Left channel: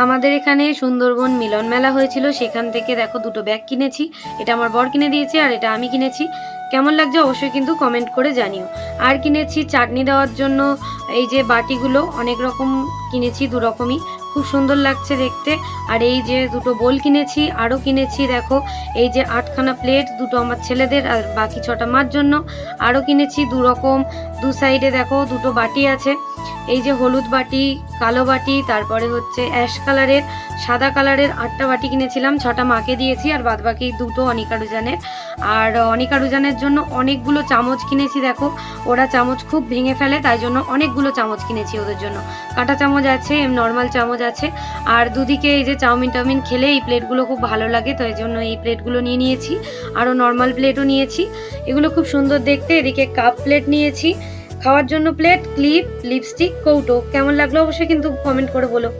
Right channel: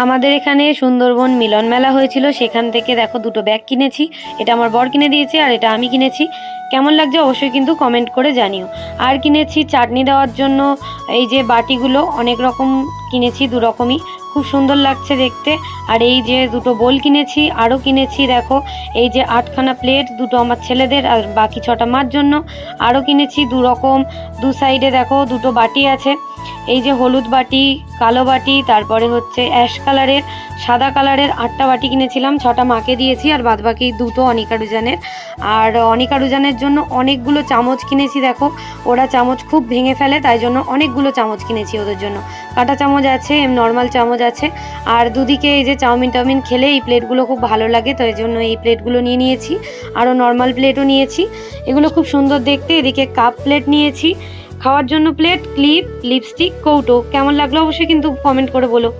আমাদের এখানে সুন্দরবন মিলন মেলা হয়েছিল, সেখান থেকে দেখো দুটো ব্যাগ কিনেছি। এটা আমার বর কিনে দিয়েছে আর এটা আমি কিনেছি। কেমন লাগছে অবশ্যই কিন্তু কমেন্ট করে জানিও। আর কিনেছি চাটনি দেওয়ার জন্য এই যে বাটিগুলো, অনেক রকম কিনেছি, দু রকমই, খুব সুন্দর লাগছে দেখতে। আর এই যে দুটো বোল কিনেছি, আরও কিনেছি দেখো এই যে 8খানা প্লেট, দুটো আমার ছেলেদের আর বাকি 6টা মার জন্য। আরও কিনেছি দু রকম, দু সাইডে দেখো দুটো বাটি আছে, এই যে হলুদ বাটি, কালো বাটি, তারপরে হচ্ছে অ্যাশ কালারের, সাদা কালারের 8টা বাটি কিনেছিলাম। 6টা মাকে দিয়েছি আর বাদবাকি দুটো অনিকা রুজানের। আর অনিকা রুজানের জন্য অনেকগুলো চামচ কিনেছি দেখো, ওরা চামচ খুব ভেঙে ফেলে, তাই জন্য অনেকগুলো চামচ কিনেছি ওদের জন্য। কাঁটা চামচ আছে, নর্মাল চামচ আছে। আর দুদিকে এই যে চাউমিন টাউমিন খেলে এই প্লেটগুলো খুব ভালো লাগে, তো এই জন্য এই প্লেটগুলো নিয়ে নিয়েছি। আরও নর্মাল প্লেটও নিয়েছি, এগুলো খুব সুন্দর দেখতে। এদিকে কাপ প্লেট নিয়েছি, খাওয়ার জন্য প্লেট, ক্লিপ, লিপস্টিক, কৌটো। কেমন লাগলো অবশ্যই কিন্তু কমেন্ট করে বলো।